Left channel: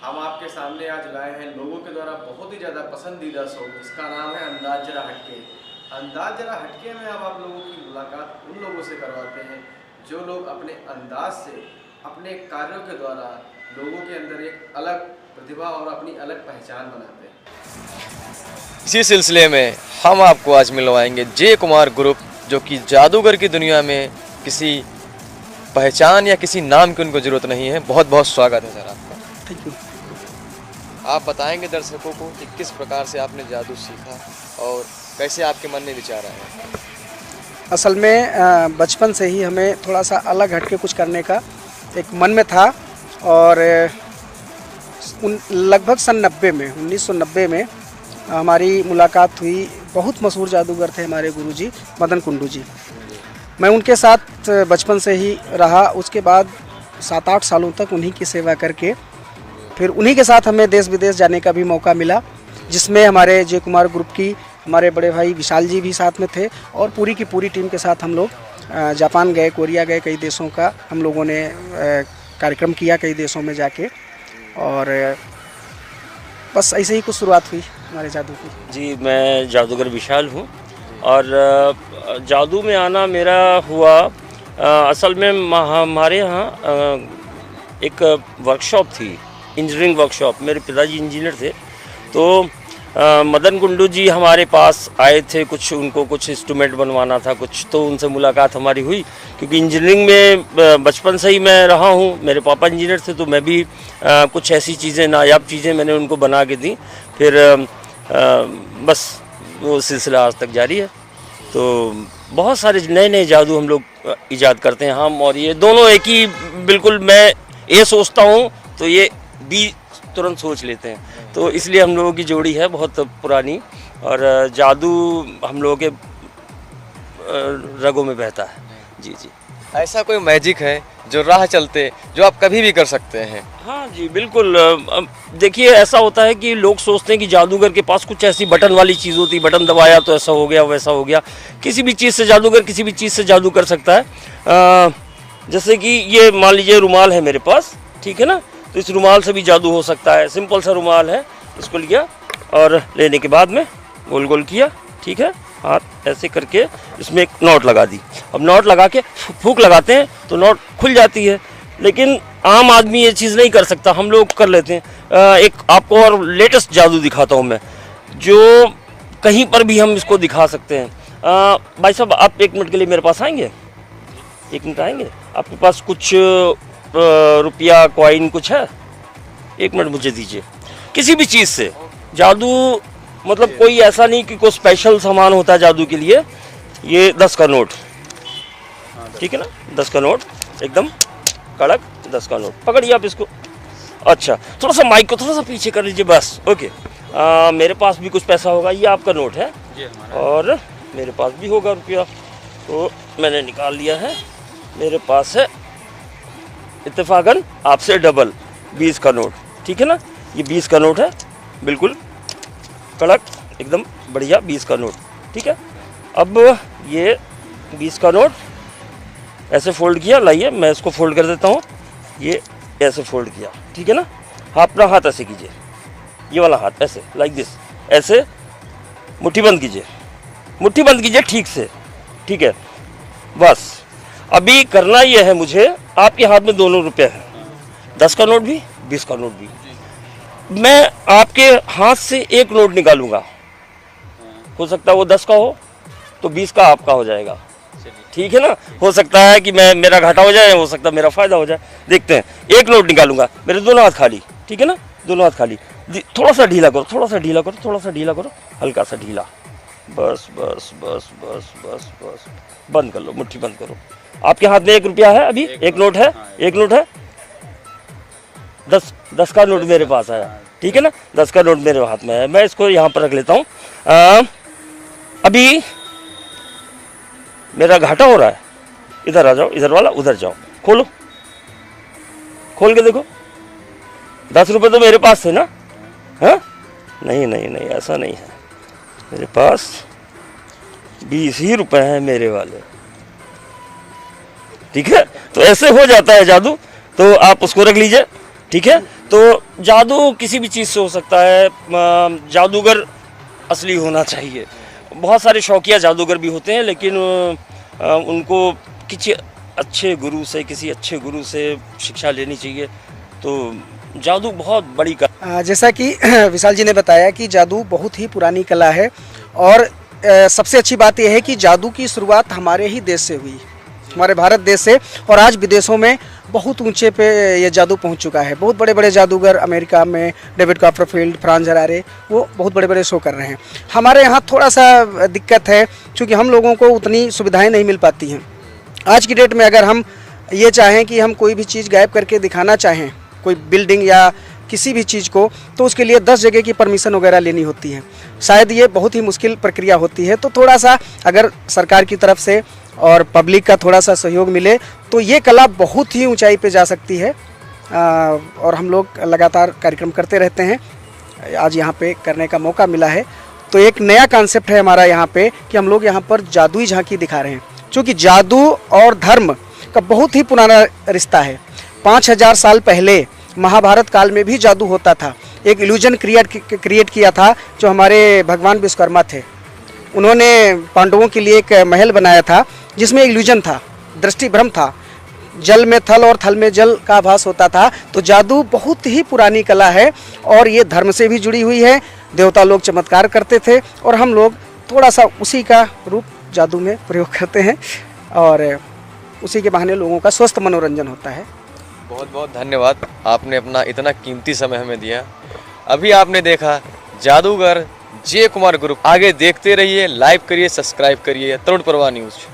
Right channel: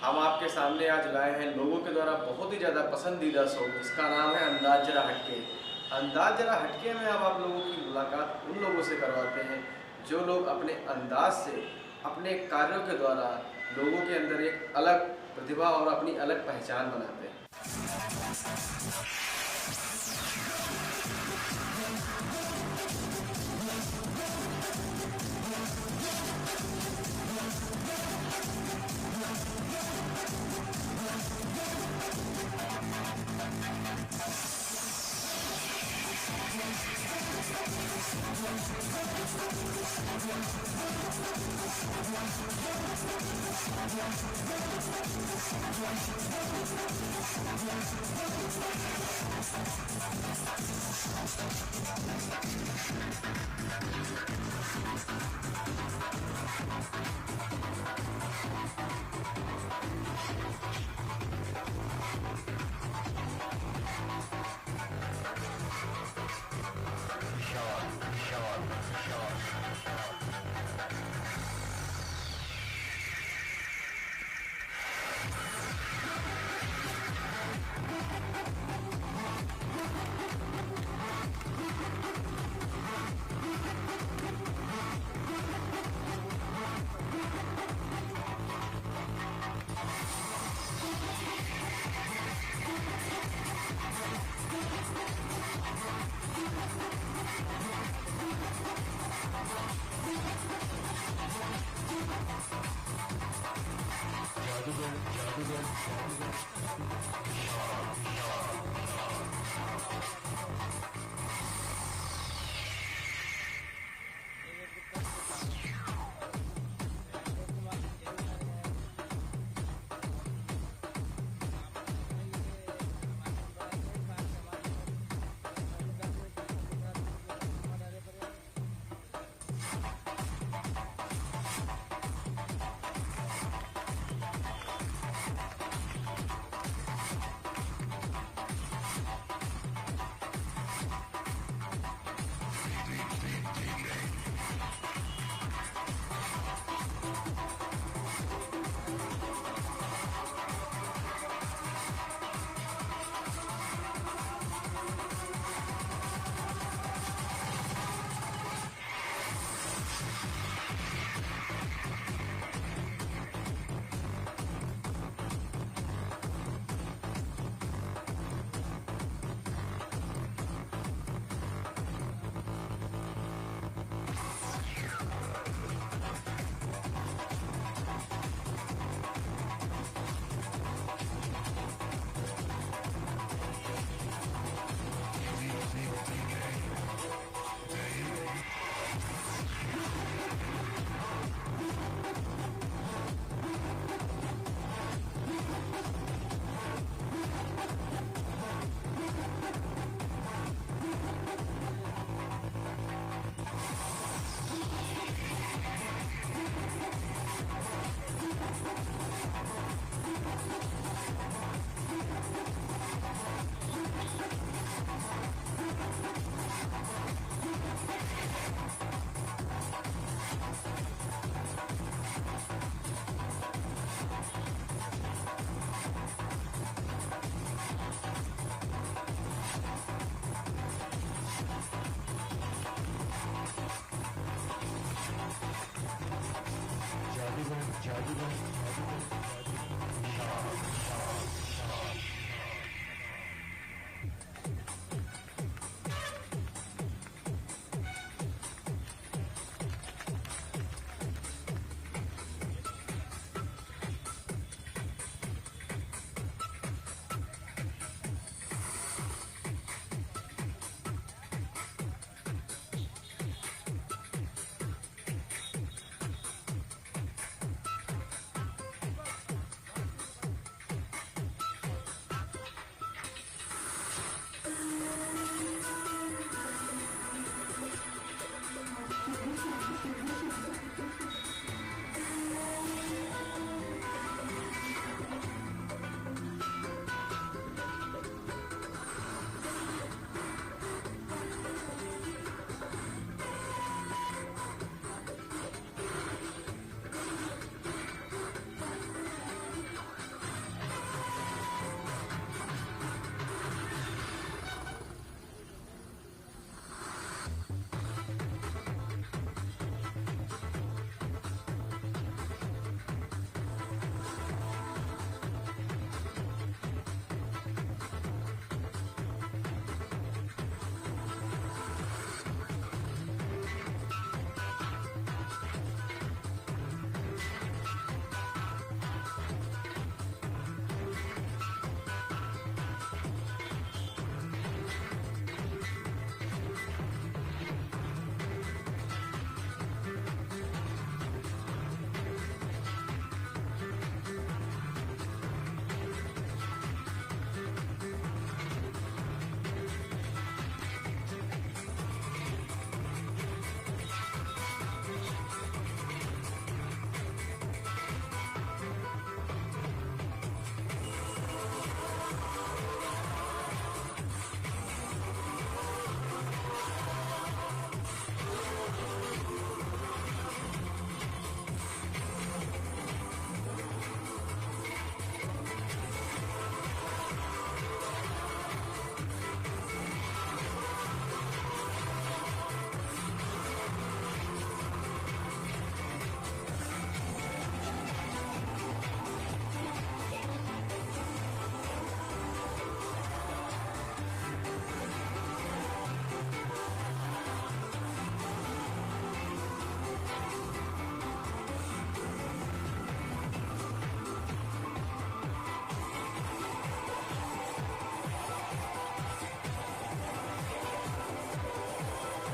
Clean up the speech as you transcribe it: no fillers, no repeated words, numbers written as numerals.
हम आपके सामने आज लाए हैं लोगों के द्वारा बहुत ही ज़्यादा पसंदीदा शो जिसका नाम है अंदाज जरा हटके। अंदाज जरा हटके में अब आप लोगों की मुलाकात उन लोगों से करवाते हैं जो लोग अपने अंदाज से अपने कार्यों के द्वारा लोगों के अंदर एक अलग प्रतिभा और अपनी अलग पहचान बनाते हैं। इसी सिलसिले में हम आपको आज मिलवाएंगे जे कुमार ग्रुप, जो कि जादूगर की दुनिया में किसी पहचान या किसी नाम की उनको ज़रूरत नहीं है। बहुत बहुत स्वागत है सर आपका। आप बताएंगे दर्शकों को कि किस प्रकार से आपने जादू सीखा और कैसे आपके मन में विचार आया। असल में बचपन से ही हमें थोड़ा सा अलग हटके कुछ करने का एक मन में था और लगभग सन 1990 में हमारी मुलाकात हुई। बहुत मशहूर जादूगर थे हमारे गुरुजी मदन कुंडू जी। मैं उनके साथ बचपन से ही रहा। उसके बाद 7-8 सालों तक उन्हीं की सेवा करके फिर उन्हीं के साथ हमें देश विदेश जाने का भी मौका मिला, जिसमें हमारे जे कुमार ग्रुप की हमारे बड़े भाई विशाल जी भी साथ में थे और पूरी की पूरी टीम के साथ हम लोग जापान गए, कोरिया गए, कई देशों का हम लोगों ने कार्यक्रम किया कई देशों में जाके। और बस ऐसे ही कुछ शुरुआत हुई हमारे जादू की। जी, मैं जादूगर विशाल हूँ और जादू में आना मेरा हुआ असल में हमारे यहाँ एक वर्कशॉप थी, इंजीनियरिंग वर्कशॉप। मेरे पिताजी इंजीनियर थे, तो मदन कुंडू जी हमारे पास आए थे। उनको कुछ इंस्ट्रूमेंट बनवाना था कुछ, तो उनसे मुलाकात हमारी हुई। क्योंकि इंजीनियरिंग में बचपन से ही मैं रहा हूँ, मेरे पापा इंजीनियर थे, तो मैं भी कुछ ऐसी चीज़ें, नायाब चीज़ें मैंने उनको बना के दी। फिर बस वो सिलसिला आज तक जारी है। तो बहुत सारे नए नए जादू हम लोग ईजाद करते हैं हम और ये दोनों एक ही। बिल्कुल मैं ये सोचता हूँ तो ये भी तुरंत सोच लेते हैं, तो इसलिए हम लोगों की जोड़ी है बहुत पुरानी। और जादू हम लोगों के रगों में बहता है। जी जी। ऐसा कोई मैजिक है जो राह चलते जो आप कभी भी कर सकते हैं? हाँ जी, बिल्कुल। देखिए, ऐसा होता है कि लोग सोचते हैं कि जादूगर के पास कुछ ऐसी बटन वाली चीज़ होती है, बटन दबाया तो ऐसा हो गया वैसा हो गया। किसी भी चीज़ से जादूगर किसी भी चीज़ से जादू कर सकता है। जैसे कि ये मान लीजिए रुमाल है मेरे पास, ठीक है ना, तो इस रुमाल से भी जादू हो सकता है। सिंपल सा रुमाल है, इसको लिया और लेने के बाद में गोल गोल किया, ठीक है, हाथ ऐसे करके इसमें एक नोट लगा दी। अब नोट लगा के फूंक लगाते हैं तो नोट खुल जाती है, लेकिन आम आदमी ये चीज़ नहीं कर सकता, हम लोग कर लेते हैं। एक आपको और लेटेस्ट जादू दिखाता हूँ मैं, जो कहीं पर भी हम इसको दिखा सकते हैं। भाई साहब, आप 1 मिनट के लिए मेरे पास आएंगे? 1 मिनट आएंगे? आपके पास कुछ रुपया कॉइन कुछ है? 1 मिनट मुझे दीजिए। किसी भी चीज़ से जादू, मतलब कोई ऐसा नहीं कि कोई स्पेशल सामान होता है जादू के लिए। ये 10 का नोट, ठीक है ना, 10 का नोट एकदम कड़क 10 का नोट। पकड़िए आप इसको। अच्छा, थोड़ा सा माइक को थोड़ा सा पीछे कर लीजिए, बस। ओके। मेरे पास भी कुछ पैसा होगा, ये आपका नोट है और मेरे पास भी होगा रुपया, तो मैंने निकाल लिया है। मेरे पास है इत्तेफाकन आपसे डबल 20 का नोट, ठीक है ना। ये 20 का नोट है, बिल्कुल कड़क एकदम बढ़िया 20 का नोट, ठीक है। अब ये 20 का नोट ऐसे फोल्ड किया, लाइए मैं इसको फोल्ड कर देता हूँ। ये ऐसे फोल्ड किया, ठीक है ना। अपना हाथ ऐसे कीजिए, ये वाला हाथ ऐसे, लाइक दिस, ऐसे मुट्ठी बंद कीजिए, मुट्ठी बंद कीजिए ठीक से, ठीक है। बस अभी करना ये है मुझे, आपके हाथ में दोनों रुपये हैं, 10 का नोट भी 20 का नोट भी। मैं आपके हाथ से एक नोट निकालूंगा, हो सकता है वो 10 का हो तो 20 का आपका हो जाएगा, ठीक है ना। हो सकता है कि मेरा घाटा हो जाए, हो सकता है मेरा फायदा हो जाए, देखते हैं। एक नोट निकालूंगा, मेरे दोनों हाथ खाली, ठीक है ना, दोनों हाथ खाली। थोड़ा सा ढीला करो, थोड़ा सा ढीला करो, थोड़ा सा ढीला करो, हल्का सा ढीला, बस बस बस बस बस बस। बंद कर लो, मुट्ठी बंद करो। आपके हाथ में 1 रुपया है, अभी एक नोट है, एक नोट है। 10 का नोट मेरे पास आया, ठीक है ना, 10 का नोट मेरे हाथ में है। मैं इसको यहाँ पर रख लेता हूँ। अभी मेरा घाटा हो रहा है, इधर आ जाओ, इधर वाला उधर जाओ, खोलो, खोल के देखो। 10 रुपये तो मेरे पास थे ना? हाँ, नहीं नहीं नहीं, ऐसा नहीं है, मेरे पास 20 ही रुपए हैं मेरे वाले, ठीक है। तो ऐसे हो जाता है जादू। तो आप उसको रख लीजिए, ठीक है। तो जादू किसी भी चीज़ से हो सकता है, जादूगर असली होना चाहिए। बहुत सारे शौकिया जादूगर भी होते हैं, लेकिन उनको किसी अच्छे गुरु से शिक्षा लेनी चाहिए। तो जादू बहुत बड़ी जैसा कि विशाल जी ने बताया कि जादू बहुत ही पुरानी कला है और सबसे अच्छी बात यह है कि जादू की शुरुआत हमारे ही देश से हुई, हमारे भारत देश से, और आज विदेशों में बहुत ऊंचे पे ये जादू पहुंच चुका है। बहुत बड़े बड़े जादूगर अमेरिका में, डेविड कॉपरफील्ड, फ्रांस जरारे, वो बहुत बड़े बड़े शो कर रहे हैं। हमारे यहाँ थोड़ा सा दिक्कत है क्योंकि हम लोगों को उतनी सुविधाएं नहीं मिल पाती हैं। आज की डेट में अगर हम ये चाहें कि हम कोई भी चीज़ गायब करके दिखाना चाहें, कोई बिल्डिंग या किसी भी चीज़ को, तो उसके लिए 10 जगह की परमिशन वगैरह लेनी होती है। शायद ये बहुत ही मुश्किल प्रक्रिया होती है। तो थोड़ा सा अगर सरकार की तरफ से और पब्लिक का थोड़ा सा सहयोग मिले तो ये कला बहुत ही ऊंचाई पे जा सकती है। और हम लोग लगातार कार्यक्रम करते रहते हैं। आज यहाँ पे करने का मौका मिला है तो एक नया कॉन्सेप्ट है हमारा यहाँ पे कि हम लोग यहाँ पर जादुई झांकी दिखा रहे हैं, क्योंकि जादू और धर्म का बहुत ही पुराना रिश्ता है। 5000 साल पहले महाभारत काल में भी जादू होता था। एक इल्यूजन क्रिएट किया था जो हमारे भगवान विश्वकर्मा थे। उन्होंने पांडवों के लिए एक महल बनाया था जिसमें इल्यूजन था, दृष्टि भ्रम था, जल में थल और थल में जल का आभास होता था। तो जादू बहुत ही पुरानी कला है और ये धर्म से भी जुड़ी हुई है। देवता लोग चमत्कार करते थे और हम लोग थोड़ा सा उसी का रूप जादू में प्रयोग करते हैं और उसी के बहाने लोगों का स्वस्थ मनोरंजन होता है। बहुत बहुत धन्यवाद, आपने अपना इतना कीमती समय हमें दिया। अभी आपने देखा जादूगर जे कुमार ग्रुप। आगे देखते रहिए, लाइक करिए, सब्सक्राइब करिए तरुण प्रवाह न्यूज़।